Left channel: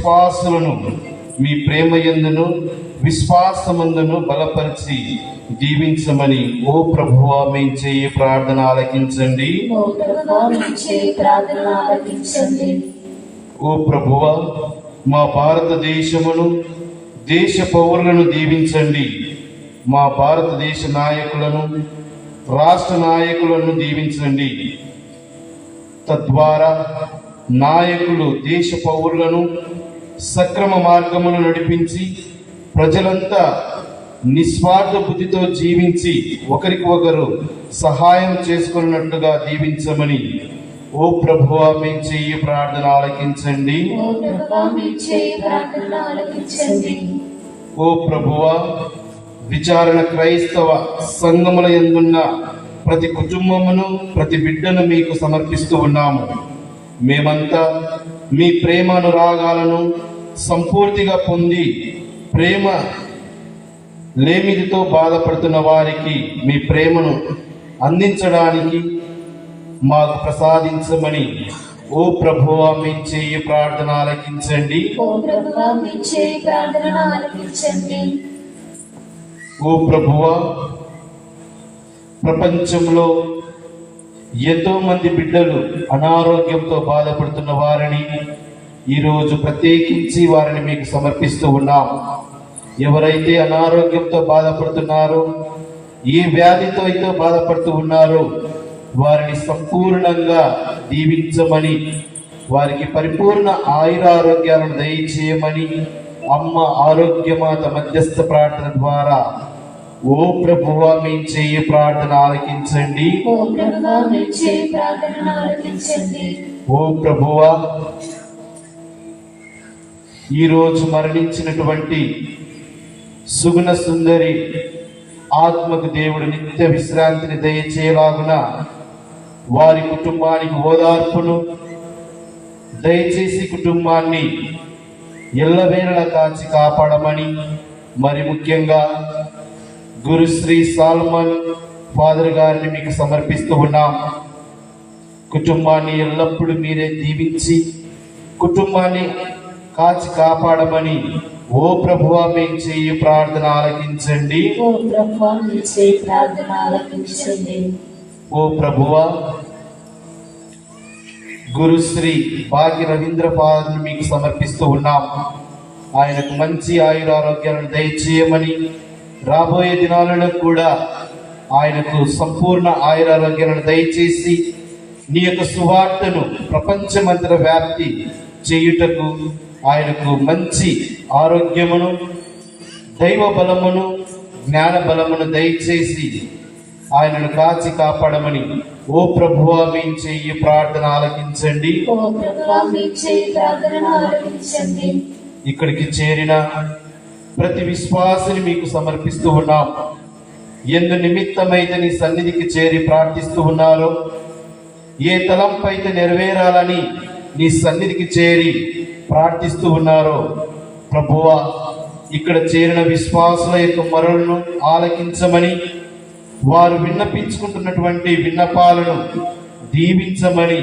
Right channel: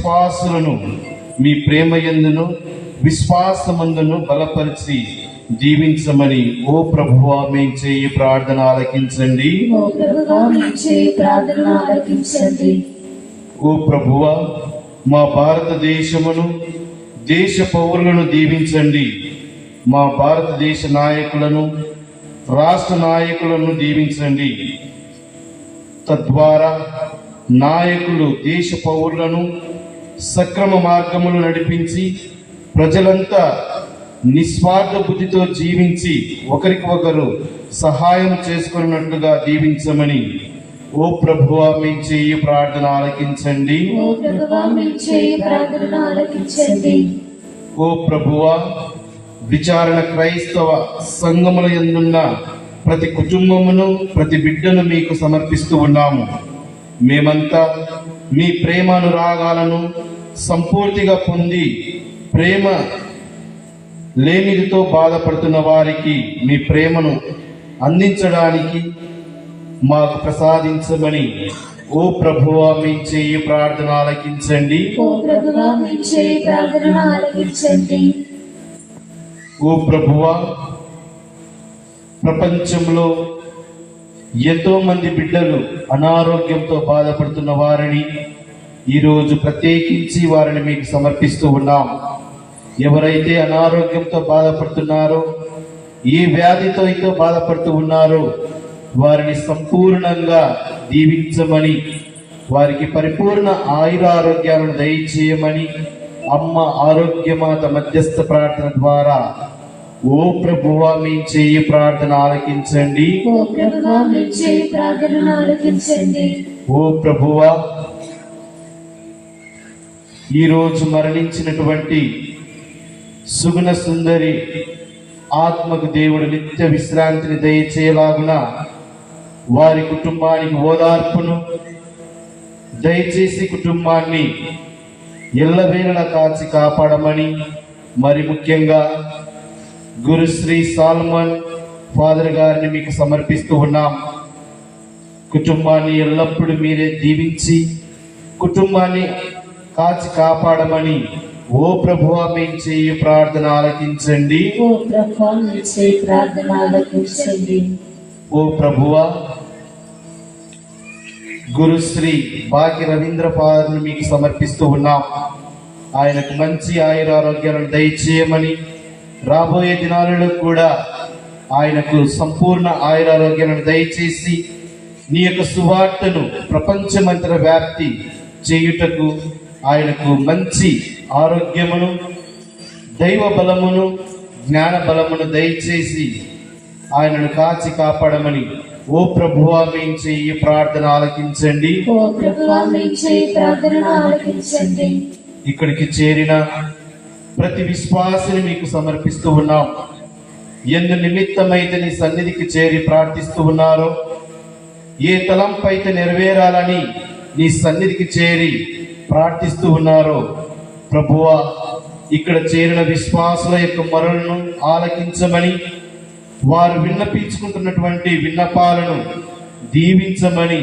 విశ్వాసులను మీ ప్రేమ ఎందును విశ్వాసమందును బలపరిచి దీవించమని ఓ ప్రభువా మేము చేయి ప్రార్థన ఆలకించండి. ఓ ప్రభువా మేము చేయి ప్రార్థన ఆలకించండి. ఓ ప్రభువా మా భారతదేశమును దేశ పౌరులను దీవించండి. మా భారతదేశ నాయకులను రాష్ట్ర నాయకులను దీవించండి. తద్వారా నాయకులు దేశ పౌరులను సక్రమ మార్గములు నడిపించి ప్రజలంతా నిస్వార్థ బుద్ధితో జీవించి ఒకరికి ఒకరు సహాయం చేసుకున్నట్లుగా దీవించమని. ఓ ప్రభువా మీ చెయ్యి ప్రార్థన ఆలకించండి. ఓ ప్రభువా మేము చేయి ప్రార్థన ఆలకించండి. ఓ ప్రభువా విచారణ క్రైస్తవ సంఘముల ఎందున్న ప్రతి కుటుంబమును ప్రతి బిడ్డను మీకు సమర్పిస్తూ ఉన్నాము. మేమంతా మీ ప్రేమానురాగాలను సంపూర్తిగా పొంది ప్రేమ లేమిదితో బాధపడుతున్న వారికి మీ ప్రేమను అందించడానికి మాకు ప్రసాదించమని ఓ ప్రభువా మీ చెయ్యి ప్రార్థన ఆలకించండి. ఓ ప్రభువా మేము చేయి ప్రార్థన ఆలకించండి. ఓ ప్రభువా ప్రపంచంలో ఎంతో మంది బిడ్డలు అనారోగ్యంతో బాధపడుతున్న వారిని ఈరోజు ప్రత్యేకించి వారిని మీకు సమర్పిస్తూ ఉన్నాం. ఎవరైతే అనారోగ్యంతో బాధపడుతున్నారో ఏ వ్యాధితో అయితే బాధపడుతూ ఉన్నారో వారిని సంపూర్ణంగా దీవించమని వారికి పరిపూర్ణ ఆయురారోగ్యాలను దయచేయమని అమ్మ ఆరోగ్యమాత మధ్యస్థ ప్రార్థన ద్వారా ఓ ప్రభువా మీ చేయి ప్రార్థన ఆలకించండి. ఓ ప్రభువా ఈరోజు మరణించినటువంటి సుగుణ సుందరి ఆత్మకు దేవుడు నిత్య విశ్రాంతిని దయచేయలాగున వారి కుటుంబానికి ఓదార్పును దయచేసి కుటుంబాన్ని ఎల్లవేళలా కాచి కాపాడమని మరి ముఖ్యంగా గురుశ్రీ సాల్మన్ ఫాదర్ గారిని మీకు సమర్పిస్తూ ఉన్నాం. కుటుంబాన్ని ఎల్లప్పుడూ మీరే దీవించి కుటుంబాన్ని కాచి కాపాడమని. ఓ ప్రభువా మేము చేయి ప్రార్థన ఆలకించండి. ఓ ప్రభువా మేము చేయి ప్రార్థన ఆలకించండి. ఓ ప్రభువా గురుశ్రీ భాగ్య రవీంద్ర ఫాదర్ని మీకు సమర్పిస్తూ ఉన్నాం. ఆయనకు మంచి ఆయురారోగ్యాలను దయచేయమని. రాబోయే దినాలలో కూడా ఆయనకు సంపూర్ణ ఆయురారోగ్యాలను దయచేసి నీ యొక్క సువార్తను ప్రపంచమంతర వ్యాప్తి చేయుటకు ఆయనకు మంచి ఆరోగ్యమును దైవ బలమును జ్ఞాన బలమును దయచేసి ఆయనను కాచి కాపాడమని. ఓ ప్రభువా మేము చెయ్యి ప్రార్థన ఆలకించండి. ఓ ప్రభువా మేము చేయి ప్రార్థన ఆలకించండి. ఇక్కడికి చేరిన ప్రతి విశ్వాసిని మీకు సమర్పిస్తూ ఉన్నాం. ఎందు నిమిత్తమైతే నీ సన్నిధికి చేరి ప్రార్థిస్తూ ఉన్నారో ఏ తలంపైతే నెరవేరాలని నీ సన్నిధికి చేరి ప్రార్థిస్తూ ఉన్నారో. ప్రభువా ఇక్కడ చేరిన విశ్వాసుల యొక్క మరులను ఆలకించమని వారు విన్నపించుకుంటున్నటువంటి విన్నపాలను దీవించమని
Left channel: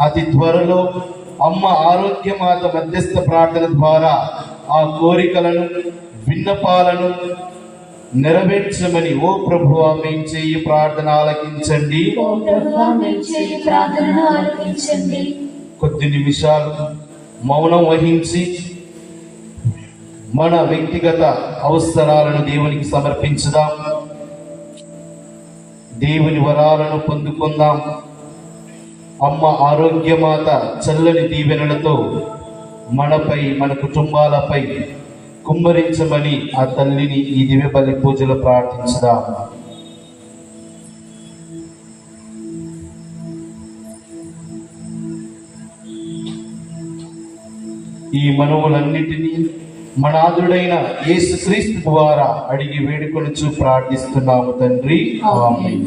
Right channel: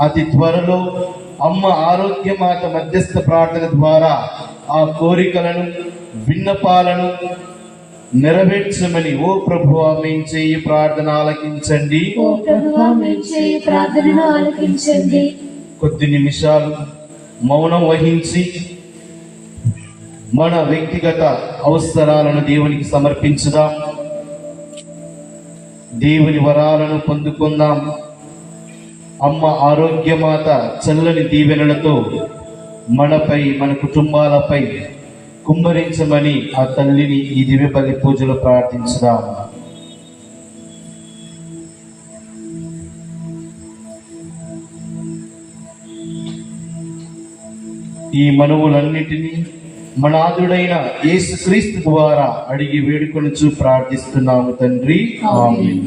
అతి త్వరలో అమ్మ ఆరోగ్యమాత మధ్యస్థ ప్రార్థన ద్వారా ఆ కోరికలను విన్నపాలను నెరవేర్చమని ఓ ప్రభు మేము చేయి ప్రార్థన ఆలకించండి. కొద్ది నిమిషాలు మౌనం వహించి మన వ్యక్తిగత అవసరాలను దేవునికి సమర్పించుదాం. దేవుని వరాలను పొందుకుందాం. అమ్మ ఆరోగ్యమాత చల్లని దీవెనలతో మనపై మన కుటుంబాలపై కుమ్మరించమని ఆ తల్లిని ఈ దివ్య బలి పూజలో ప్రార్థించుదాం. ఈ మనవులన్నిటినీ మనాథుడైన యేసుక్రీస్తు ద్వారా అడిగి వేడుకొనుచు ప్రార్థిస్తున్నాము తండ్రి. ఆమేన్.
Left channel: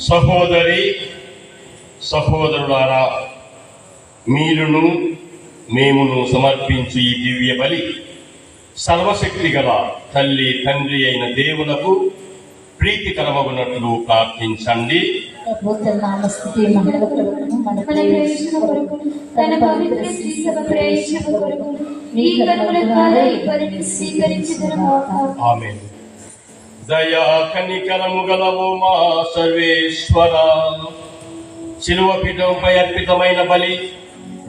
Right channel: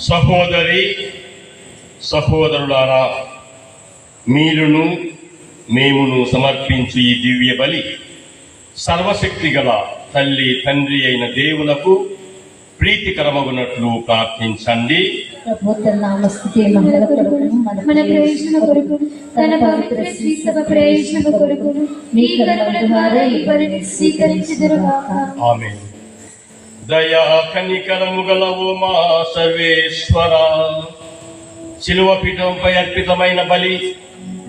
సహోదరి సహోదరులారా మీరును మేమును సమర్పించు ఈ దివ్య బలి సర్వశక్తి గల తల్లి తండ్రి అయిన దేవునకు ప్రీతికరమగునట్లు ప్రార్థించండి. అద్భుత తన పవిత్ర శ్రీ సభ కొరకు మీ కరుణ ద్వారా ఈ పనిని ఆమె దయా కనికరము గలవు మా సర్వేశ్వర. శిలువ పీఠంపై అర్పితమైన బలి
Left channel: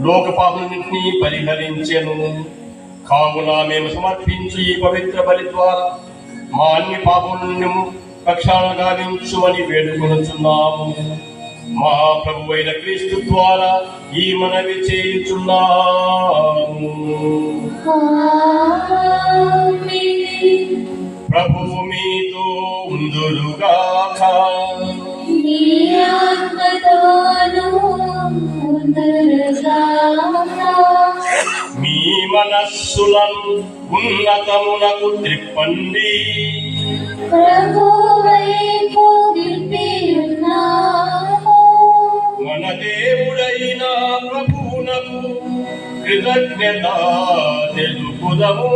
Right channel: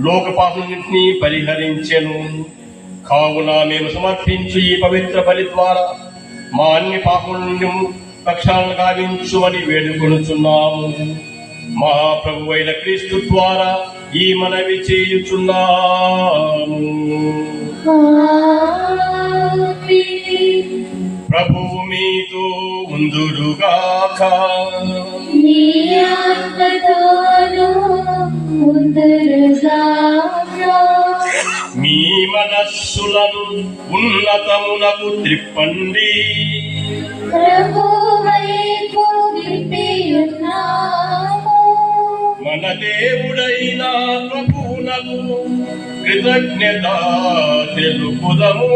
లోక పాపలన్నింటినీ పరిహరించెను కావున మేము సమర్పించు ఈ పవిత్ర బలి ద్వారా మా అన్ని పాపలను పక్షాలను గావించుమని వేడుకొనుచున్నాము మహాప్రభు అయిన క్రీస్తు ద్వారా ఈ మనవి చేయుచున్నాము. ప్రభు మీతో ఉందురుగాక ఉందురుగాక. మీ మనస్సులను ఉన్నతమునకు త్రిప్పండి. మన దేవుడైన ప్రభువునకు కృతజ్ఞత తెలుపుదము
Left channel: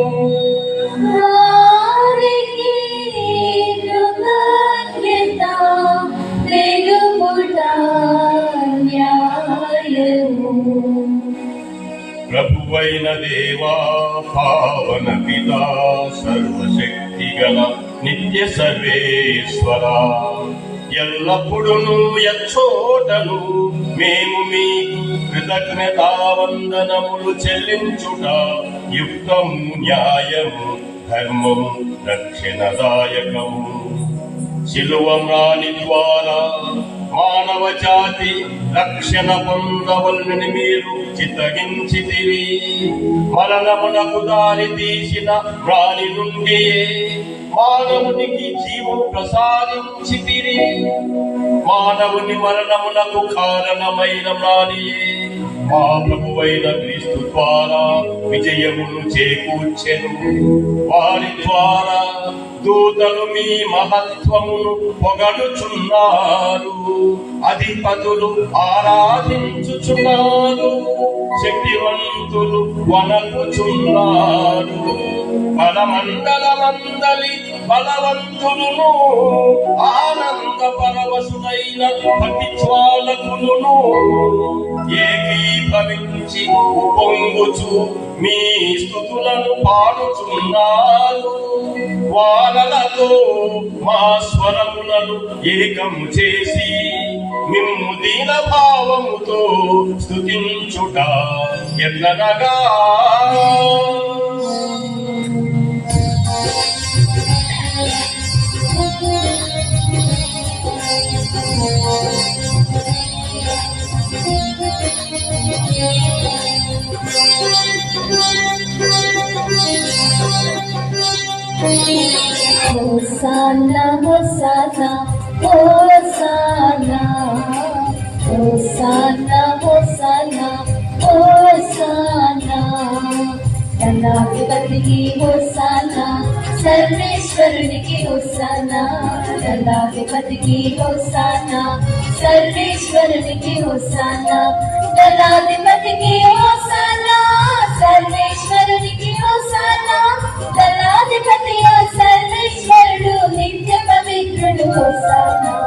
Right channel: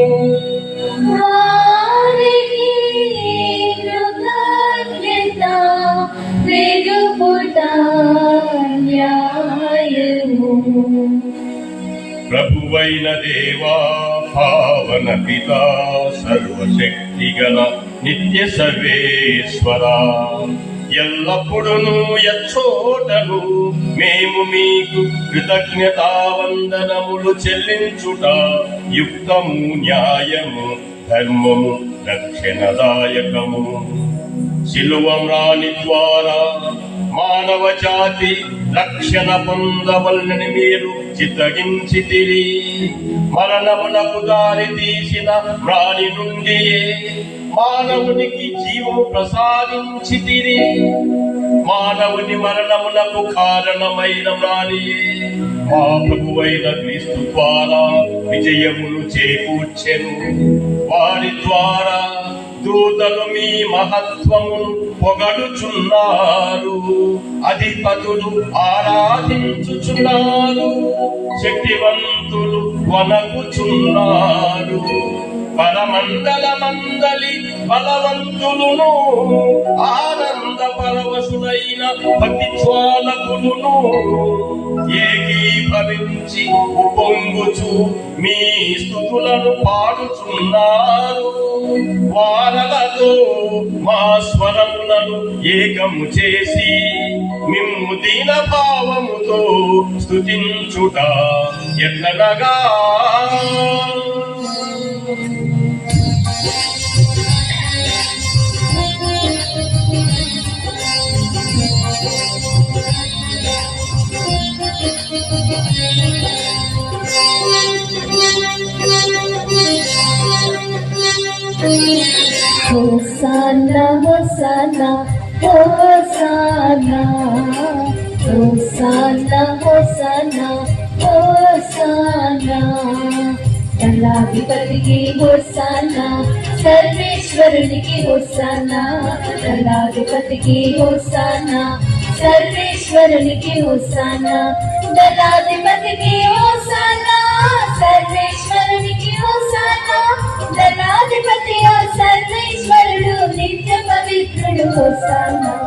నిత్య సర్వేశ్వర. ఎల్లప్పుడూ ఎచ్చోటను మేము మీకు కృతజ్ఞతావందనములు చెల్లించుట యుక్తము న్యాయము ధర్మము రక్షణదాయకము. శిలువమ్రాని ద్వారా మానవ జాతి రక్షణ పొందవలని మీరు చిత్తగించితిరి. మరణమునకు దారి తీసిన ప్రాణి నుండి మానవునికి జీవం ప్రసాదించి తిని మానవుని మరణములకు కారణమైన ప్రాణియే. మా ప్రభువైన క్రీస్తు ద్వారా విజయమును చేకూర్చెను. వారి ద్వారా దూతలు మీ మహత్వము పొగడుచున్నారు. అధిపతులు ఆరాధించుచున్నారు. శక్తివంత శక్తివంతులు వనకుచున్నారు పరమండలమందలి బలవంతులను ఆనంద పరవశుడైన పతి జ్వాలకులను ఏకీభవించి పొంగుచు మీ స్థుతులను పాడుచున్నారు వానలతో మా స్వరములను ఏకము చేసి మిమ్ము దీన భావముతో స్థుతించుట ఎన్ననగా దళాధిపతికి హోసానా సర్వేశ్వరునికి హోసానా. దళాధిపతికి హోసానా సర్వేశ్వరునికి హోసానా. దళాధిపతికి హోసానా సర్వేశ్వరునికి హోసానా. దళాధిపతి సర్వేశ్వరుడు నిత్య పవిత్రుడు హోసానా.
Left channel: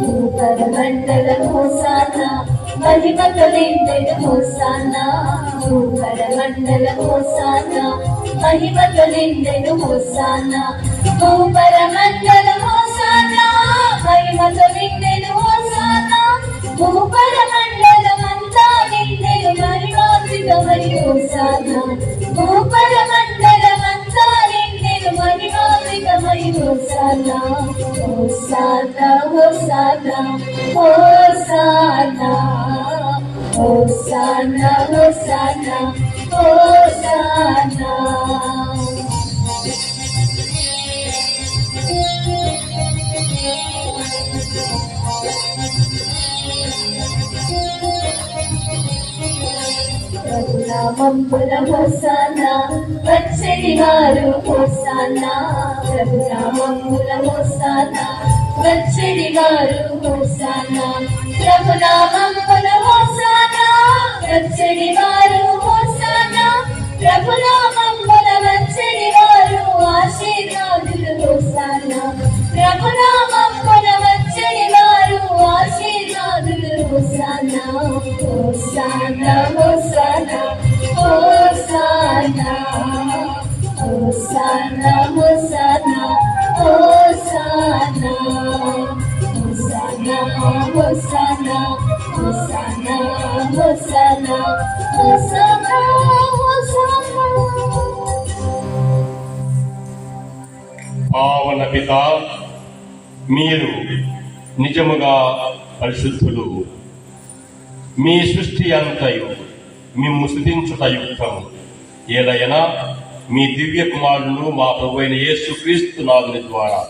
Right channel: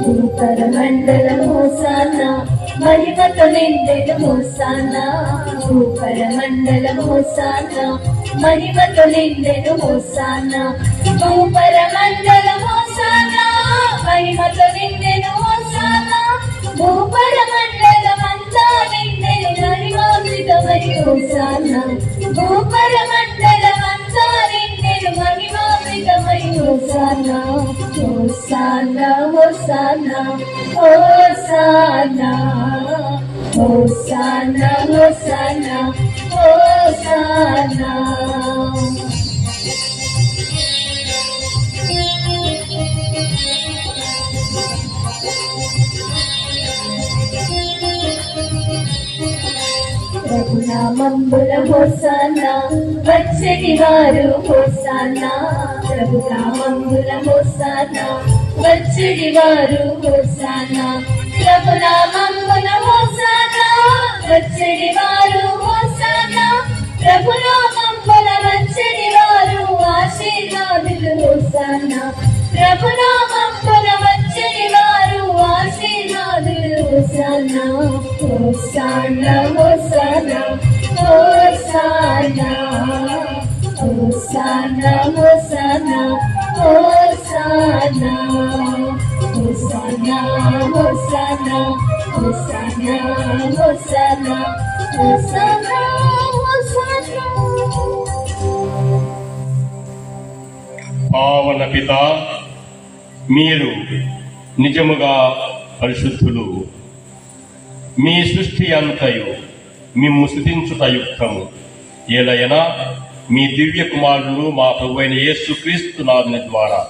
నూతన మండల మోసాన మహిమత వెంటన మోసాన? నూతన మండల మోసాన మహిమత ప్రభునామంబుల హోసాన వచ్చటి వారు హోసాన ప్రభునామంబుల హోసాన వచ్చడి వారు పావన పిత మీరు నిజముగా పరిశుద్ధులు. మీ సృష్టి అంతయు మేము స్థుతించుట యుక్తము ఏదైనా మీ దివ్య కుమారులను మా ప్రభువైన యేసు క్రీస్తు నాదుని ద్వారా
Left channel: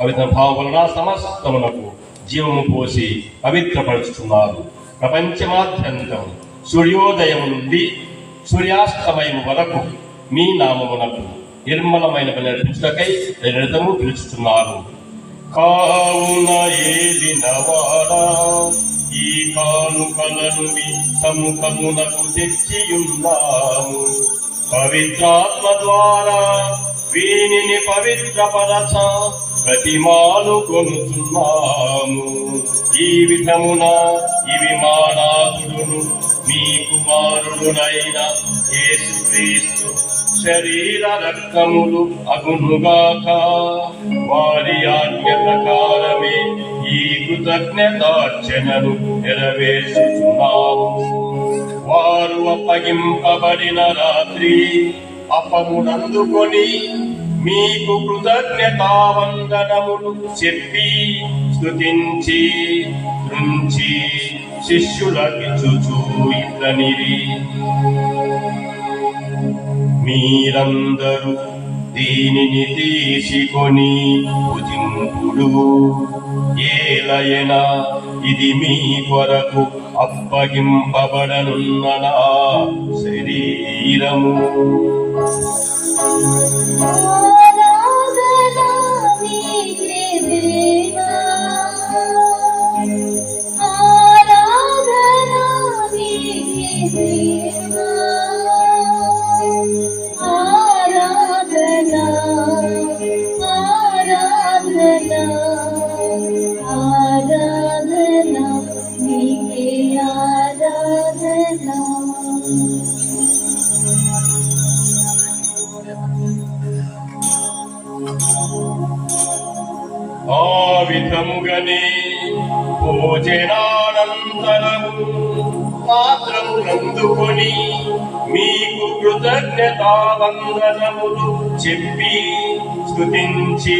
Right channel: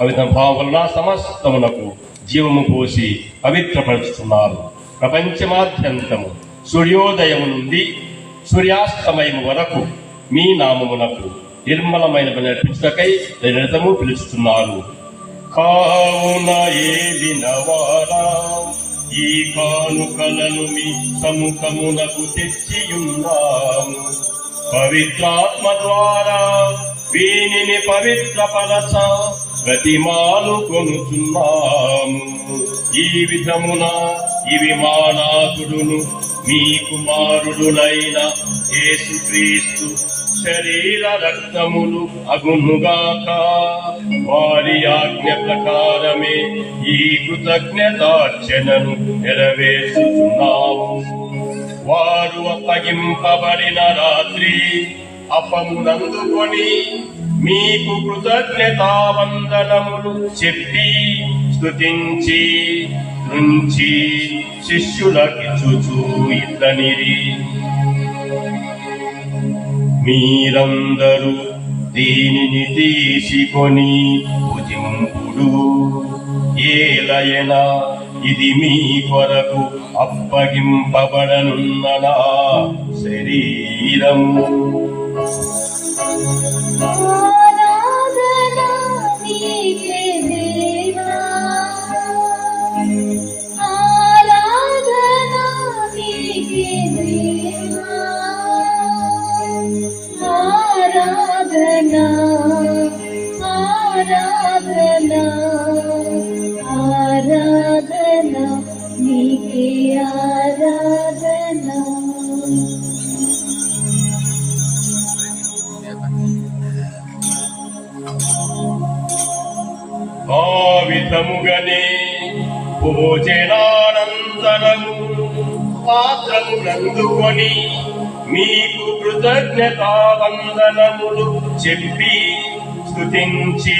పవిత్ర వలన సమస్తమునకు జీవము పోసి పవిత్రపరుచుతున్నారు ప్రపంచమాద్యంతము సూర్యోదయం నుండి సూర్యాస్తమయం వరకు మీ నామమునకు నిర్మలమైన నడిపించుటకై నిరతము పిలుచుతున్నారు కావున ఏది నవారా ఈ కానుకలను మీ సముఖమునకు తెచ్చియున్నాము. పవిత్రాత్మ ద్వారా వీనిని పవిత్రపరచ ప్రతిమాలు కొనుచున్నాము. ఈ విధమున ఇవి మానాథుడును మీ కుమారుడునైన యేసుక్రీస్తు శరీర రక్తములు అగునుగాక. వారి ఆజ్ఞ ప్రకారం ఈ కృతజ్ఞతార్చనను నెరవేర్చుచున్నాము వారు అప్పగింపబడిన రాత్రి అప్పమునందుకొని మీకు కృతజ్ఞతావందనములు చెప్పి స్తుతించి రుంచి శిష్యులకి చూచూ ఇతనిరి మీరందరూ దీనిని తీసుకొని భుజింపుడు. ఏలయన ఇది మీ కొరకు అప్పగింపబడనున్న నా శరీరము. స్థుతించి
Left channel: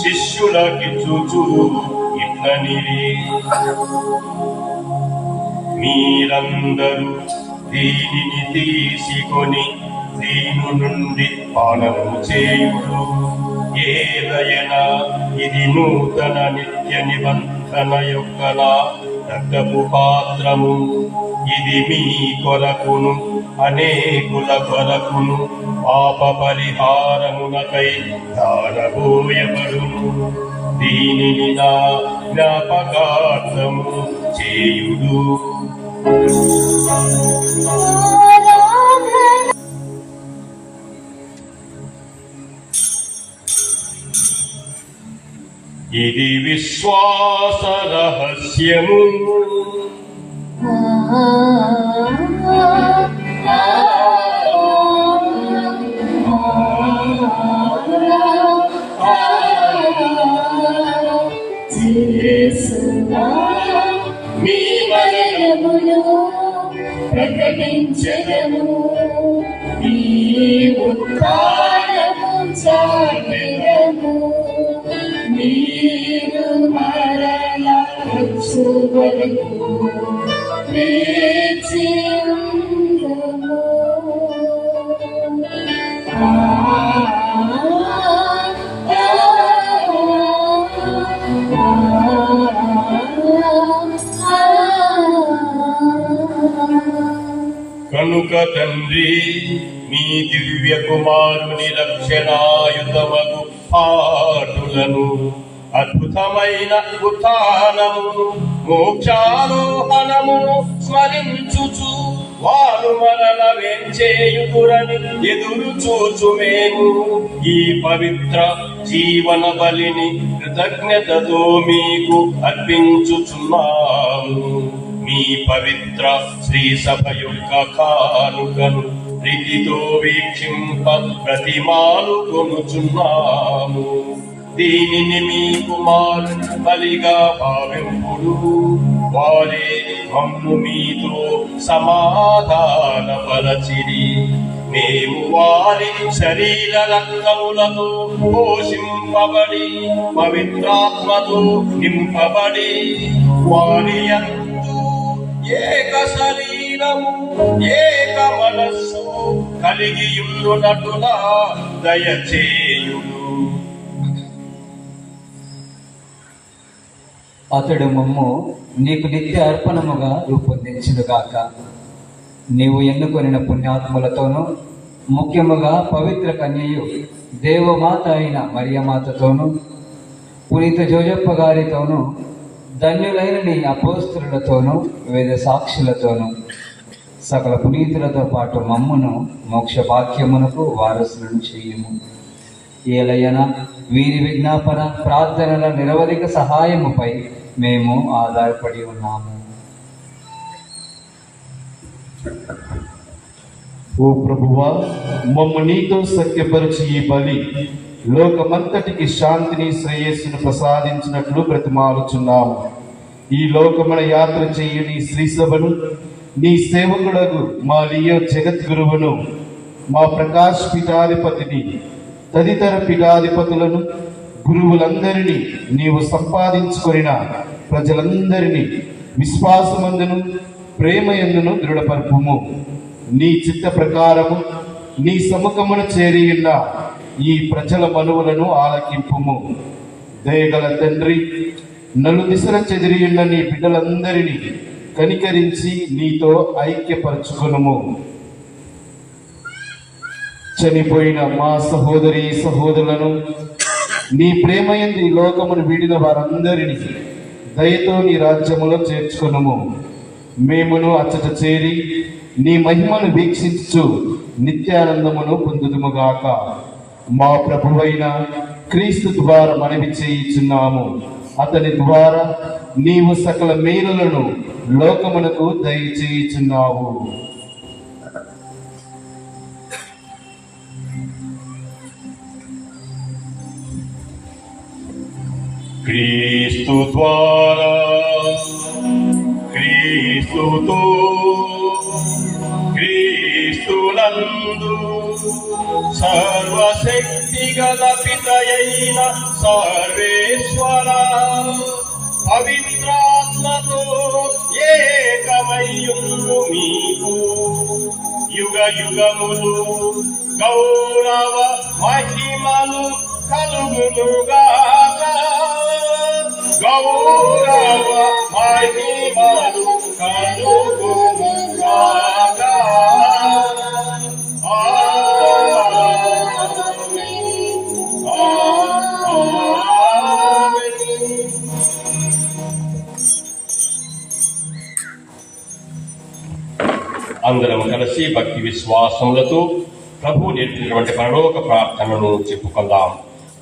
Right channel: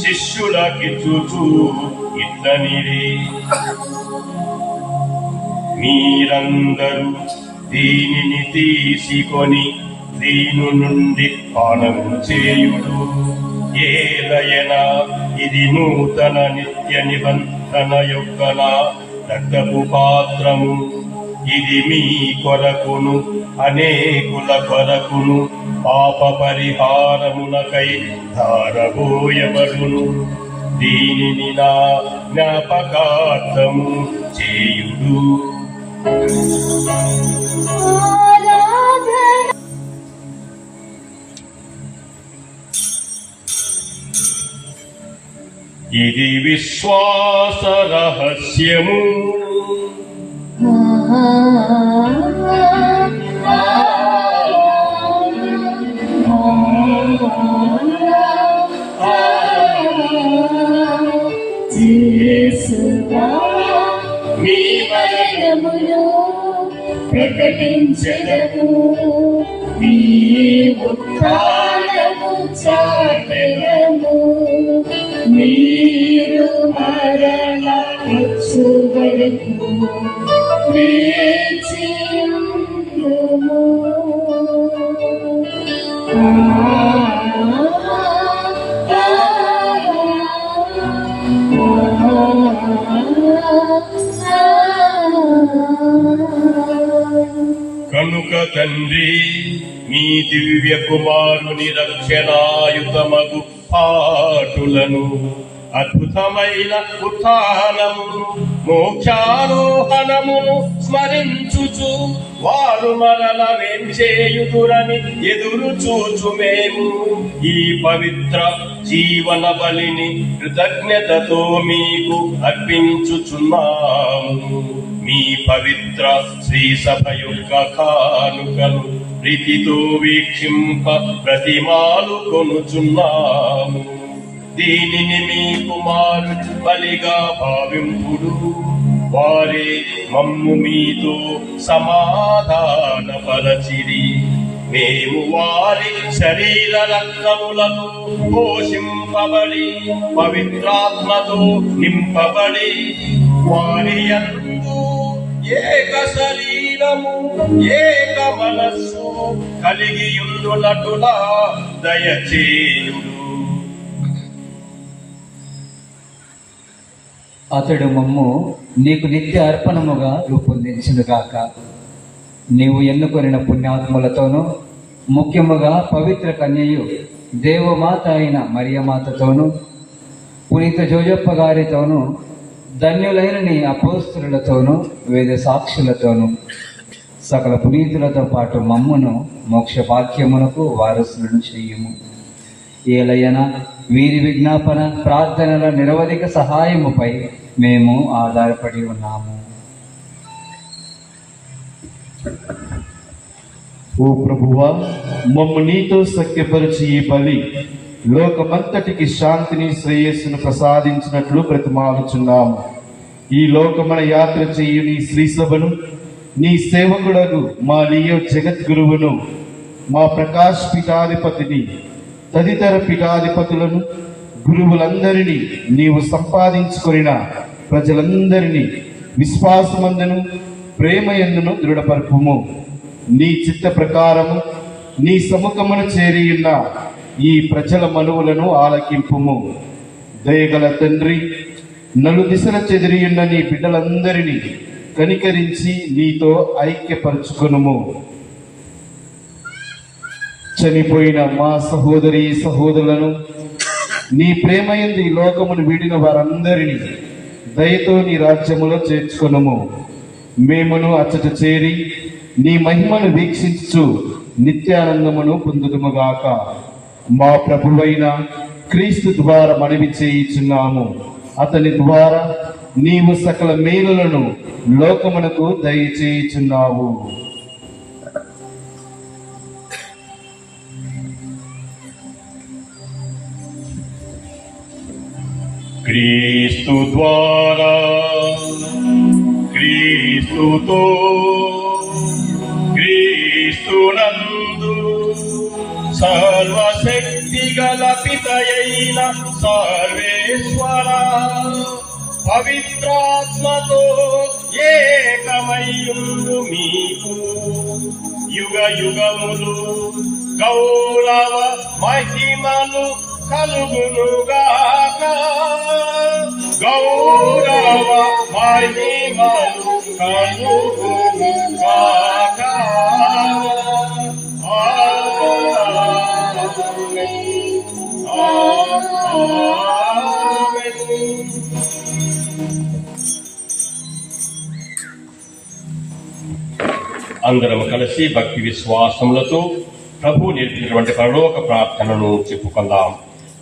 శిష్యులకి శిష్యులకిచ్చుచు ఇట్లనే. మీరందరూ దీనిని తీసుకొని దీని నుండి పానము చేయుడు ఏలయన ఇది నూతన నిత్య నిబంధన యొక్క నా రక్తపు పాత్రము. ఇది మీ కొరకును అనేకుల కొరకును పాప పరిహారమునకై ధారబోయబడును. దీనిని నా జ్ఞాపకార్థము చేయుడు ఇది విశ్వాస రహస్యము. మీ తండ్రి మీ దివ్య కుమారుని రక్షణాయుతమగు పాటులను అద్భుతమైన ఉత్నము మోక్షారోహణము స్మరించుచు వారు మరల వేంచేయుకురని ఎదురు చూచు మేము. ఈ పవిత్ర జీవన బలిని కృతజ్ఞతతో మీకు అర్పించుచున్నాము. మీ పవిత్ర శ్రీ సభ యొక్క కానుకలు ప్రీతితో వీక్షింప ప్రతిమాలు కొనుచున్నాము. దీనిని మీ కుమారుని బలిగా భావింపుడు. వారే మమ్ము మీతో సమాధాన పలచిరి. మేము వారి శరీర రక్తములతో పోషింపబడి పవిత్రాత్మతో నింపబడి వారి యందు ఏక శరీరము ఏక మనస్సు కలిగి ఉండునటులా అతడు మమ్ము నీకు నిత్య అర్పణముగా రూపొందించునుగాక. నీవు ఎన్నుకొనిన పుణ్యాత్మలతోనూ ముఖ్యముగా పవిత్ర కన్యయు దేవమాత అయిన మరియమాతతోనూ పునీత జోజప్ప గారితోనూ ధన్యులైన నీ అపోస్తులతోనూ వేద సాక్షులతోనూ సకల పునీతులతో పాటు మమ్మును మోక్ష భాగ్యమునకు వారసులను చేయము. ఏలయన వీరి విజ్ఞాపన ప్రార్థనల నిరవధిక సహాయముపై మేము ఆధారపడి ఉన్నాము. ఓ ప్రభువా మమ్మ నీతో సఖ్యపరిచి ఈ బలి లోకమంతటికి శాంతిని శ్రేయస్సును ప్రసాదించినట్లు ప్రతిమాలుచున్నాము ఈ లోకమన యాత్ర చేయని శ్రీసభను నీ సేవకుడకు మా లియో జగద్గురువును మా ప్రకాష్ పీఠాధిపతిని తదితర పీఠాధిపతులను గురువులందరినీ నీవు సంపాదించుకొనిన ప్రజలందరినీ విశ్వాసమందును ప్రేమయందును దృఢపరపుము. నీ చిత్త ప్రకారము నీ సముఖమును చేరియున్న ఈ ప్రజల మనువులను ఆలకింపుము. దయగల తండ్రి నలు దిశల చెదిరియున్న నీ బిడ్డలందరినీ కనికరించి నీతో ఐక్యపరచుకొనుము. చనిపోయిన మా సహోదరి సహోదరులను నీ ప్రేమయందు ఈ లోకమును వీడిన వారందరినీ దయతో నీ రాజ్యములో చేర్చుకొనుము. మేమును అచ్చట చేరి నీ మహిమను వీక్షించు నిత్యానందమును పొందుదుముగాక మా ప్రభువైన క్రీస్తు ద్వారా మనవి చేయుచున్నాము అతని ద్వారా నీవు సకల మేలులను లోకమునకు దయచేయుచున్నావు క్రీస్తు ద్వారా క్రీస్తుతో క్రీస్తునందు సర్వశక్తి గల పితయైన సర్వేశ్వర పవిత్రాత్మతో ఏకమయ్యుండు మీకు. యుగ యుగములు అందరం కలిసి భక్తి విశ్వాసములతో ప్రభు నేర్పినటువంటి పరలోక ప్రార్థనను చెప్పుకుందాం.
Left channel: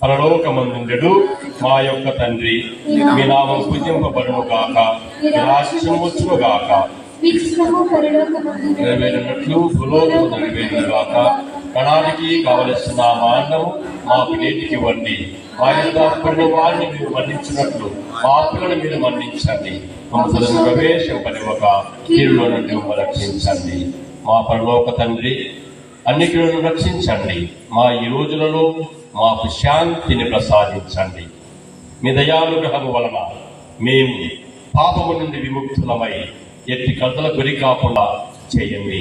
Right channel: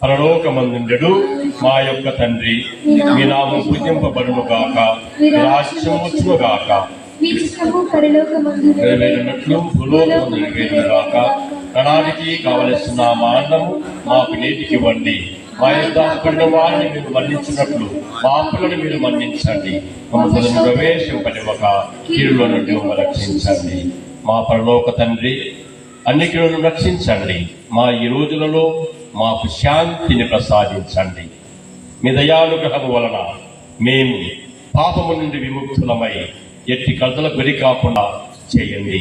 పరలోక మందుండడు మా యొక్క తండ్రి. మీ నామం పూజింపబడును గాక. మీ రాజ్యం వచ్చును గాక. నెరవేరినట్లు భూలోకం నెరవేరిన గాక. ప్రణాళికి కావలసిన మా అన్నం మాకు నేటికి ఇవ్వండి. మా యొక్క అప్పటి వారిని మీరు మన్నించినట్లు మా అప్పులను మీరు మన్నించండి. మమ్మల్ని ప్రవేశింపనివ్వక కీరులో నుండి రక్షించండి. మా పరలోక తండ్రి అన్ని రక్షించండి. మా ఈ రోజులలో మాకు శాంతిని ప్రసాదించండి. మీ దయానుగ్రహం వలన మేము పాపము నుండి విముక్తులమై ఎట్టి కథల గురి కాకుండా చేయండి.